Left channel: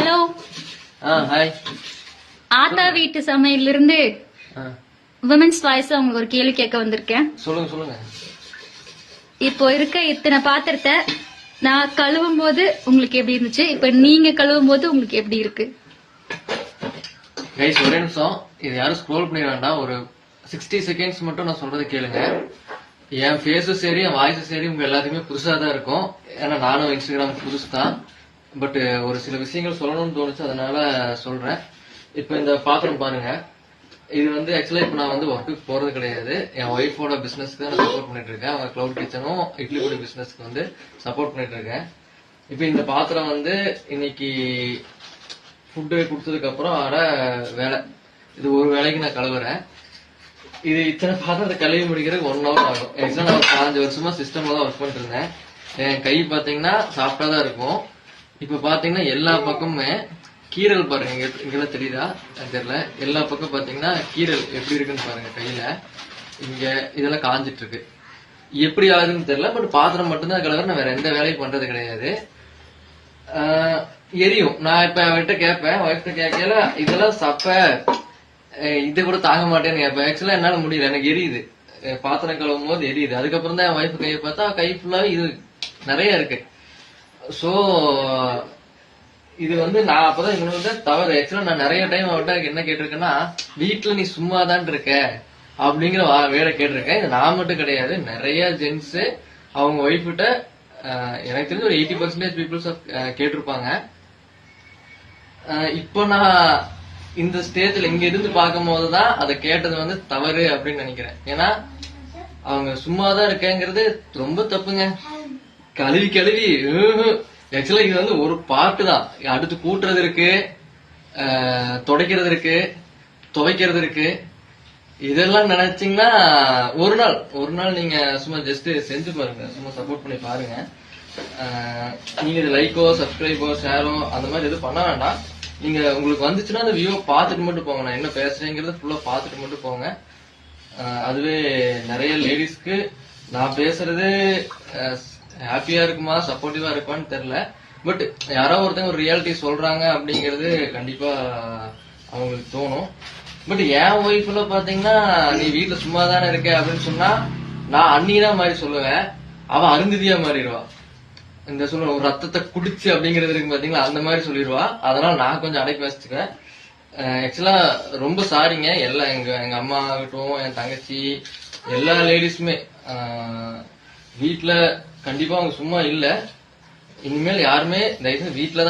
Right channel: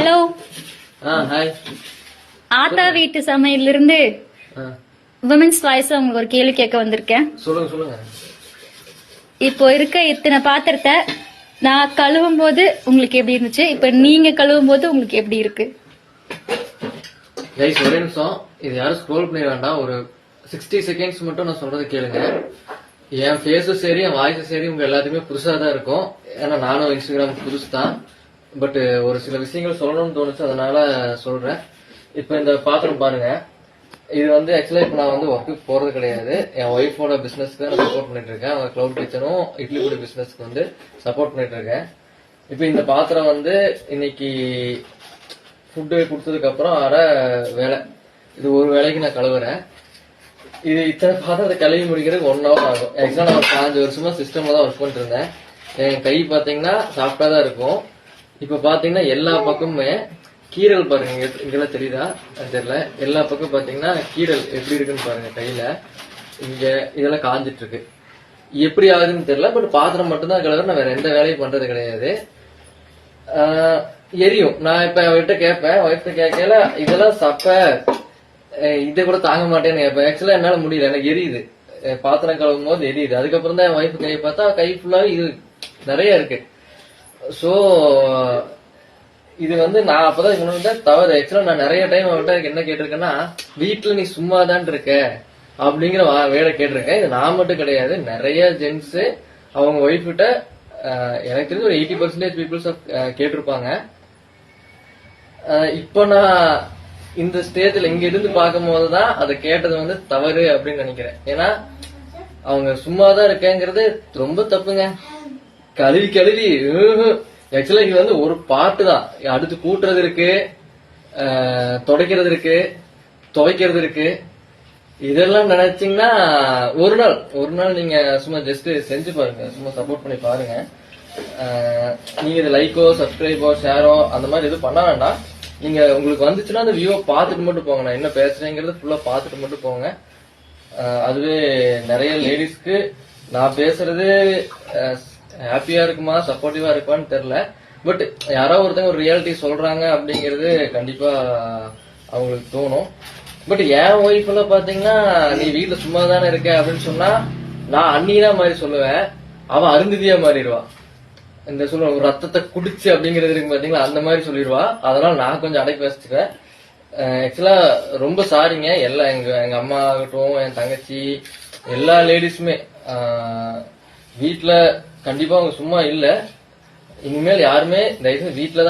Hello. Hi. ஆத்தா வீட்டு சமையல்ல இருந்து விமென்ஸ் வாய்ஸ் உங்களுக்கு ஒரு கேள்வி கேட்க வந்திருக்கேன். சொல்லுங்க. இப்போ இருக்க இத்தனை பாத்திரத்தை நான் கழுவும் போது உங்களுக்கு எப்படி இருந்துச்சு, இப்ப நீங்க கழுவும் போது உங்களுக்கு எப்படி இருக்கு? கைஸ் ஒரே நிமிஷம், இது யாரும் ஸ்க்ரோல் பண்ணிட வேண்டாம். ஒரு 60 செகண்ட்ஸ் மட்டும் நான் சொல்றது கேளுங்க. என் ஃபேஸும் சரி என் வாய்ஸும் சரி உங்க எல்லாத்துக்குமே புதுசா தான் இருக்கும். ஏன்னா நானும் இன்ஸ்டாகிராம் புதுசு தான். பட் ஒரு சில விஷயங்கள் சொல்லணும்னு தோணுச்சு, அதனால சொல்றேன். இப்ப இந்த பாத்திரம் பாருங்க, இது வந்து ஆக்சுவலா இப்ப நான் வந்து ஒர்க்குக்கு போறது கிடையாது. என் ஒய்ஃபோட பிசினஸ்க்கு தான் நான் சப்போர்ட் பண்ணிட்டு இருக்கேன். அவங்க கிளவுட் கிச்சனும் இட்லி பொடி பிசினஸ்க்கு வந்து சப்போர்ட் பண்ணிட்டு இருக்கேன். இப்ப இந்த பாத்திரம் வந்து இன்னைக்கு ஃபுட்டு கொடுத்ததுக்கு அப்புறம் வர வேலை, இது ஒரு வேலைக்கு நான் கழுவுறேன். இது இத்தனை பாத்திரத்தை கழுவி முடிக்கிறதுக்கு 1 hour ஆகும். ஆக்சுவலா நான் 5 வருஷமா சிஸ்டம்ல தான் ஒர்க் பண்ணிட்டு இருந்தேன். என் கை பாத்தீங்கன்னா சாஃப்டா தான் இருக்கும். இப்ப பாத்தீங்கன்னா எல்லா பக்கமுமே கீரல் பாருங்க, இங்கெல்லாம் தெரியுதா தெரியல. எல்லா பக்கம் பாத்தீங்கன்னா கீரல் எப்படி இருக்குன்னு பாருங்க. கையில இங்க இதெல்லாம் காஞ்சிட்டு இருக்கு. எப்படி ஆகுதுன்னு தெரியல. பட் பாத்திரம் மட்டும்தான் கழுவுற, நான் வேற எந்த வேலையும் பண்றது கிடையாது. எரியும். நான் இப்ப அவர்கிட்ட கேட்பேன், ஒய்ஃப்ட கேட்கல இதெல்லாம் சப்ப இதை கூட தாங்க மாட்டேன்னு கேட்பேன். ஆக்சுவலா என்னால முடியல, எனக்கு எரியுது. பாத்திரம் கழுவும் போது எரியுது. அதுக்கப்புறம் தான் என் ஒய்ஃப் கையை பார்த்தா கை ஃபுல்லா இது நிறைய இருக்கு. சோ இது வந்து நான் அப்பதான் இவங்க தவறு. ஆக்சுவலா நான் நிறைய டைம் அவன்கிட்ட என்ன கேட்டிருக்கேன்னா, வீட்டுல நீ சும்மா தான் இருக்க அப்படிங்கிற வேலை கேட்டிருக்கேன். இது நான் மட்டும் கிடையாது, நிறைய ஜென்ஸ் அவங்க ஒய்ஃப் கிட்ட எனக்கு தெரிஞ்ச ஒரு 80% பீப்புள்ஸ் கேட்டிருப்பாங்க. இப்ப நான் இந்த ஸ்டேஜ்ல இங்க இருந்து பார்க்கும் போதுதான் அதை கேட்டது வந்து தவறு அப்படின்னு நினைக்கிறேன். ஏன்னா அவங்க சும்மாதான் இருக்கேங்கிறது ரொம்ப தப்புங்க. கழுவி ஆக்சுவலா இது வந்து ஒரு பாட்டு தான். அடுத்து கூட்டுறது இருக்கு, துடைக்கிறது இருக்கு, துவைக்கிறது இருக்கு. இதெல்லாம் நினைச்சீங்கன்னா ஒரு நாள் நீங்க சும்மா ஜஸ்ட் செஞ்சு பாருங்க, சும்மா சப்போர்ட் பண்ணி பாருங்க. நீங்க இது லைக்கோ சப்ஸ்கிரைபோ ஷேரோ அந்த மாதிரி எதுவும் பண்ண வேண்டாம். நீங்க உங்களுக்கு வந்துச்சுன்னா அந்த வியூவை பார்த்துட்டு மட்டும் போங்க. நான் என்ன பேசுறேங்கிறது ஃபுல்லா பார்த்துட்டு மட்டும் போங்க. அதுவே நிறைய லேடிஸ்க்கு நான் பேசுறது ஹாப்பியா இருக்குமா சப்போர்ட்டிவா இருக்குமான்னு தெரியல. பட் யாரோ ஒருத்தங்க ஒரு ரியாலிட்டி சொல்றாங்க அப்படிங்கறது கண்டிப்பா அவங்களுக்கு தோணும். பட் என் ஒய்ஃப் எல்லாம் பாத்தீங்கன்னா, நீ வீட்டுல சும்மா தானே இருக்க அப்படின்னு சொன்னா நான் அண்ணிதான் மாதிரி சொல்லுவேன், அவன் அருந்ததியா மாறிடுவா. இந்த சொல்ல ஒரு ரத்தத்தை குடிச்சு அப்படிங்கறது இருக்கு பாத்தீங்களா, அந்த மாதிரி சொல்லிடுவா. அதனால நான் கொஞ்சம் அடக்கி வச்சுக்கிறேன். ஆக்சுவலா ரொம்ப சாரிங்க. எல்லாம் எங்க அம்மா ஆகட்டும், என் தங்கச்சி, எல்லா லேடிஸுமே வீட்டுல கண்டிப்பா அவங்க சும்மா இல்ல. இனிமேல் யாருமே தயவுசெய்து வீட்டுல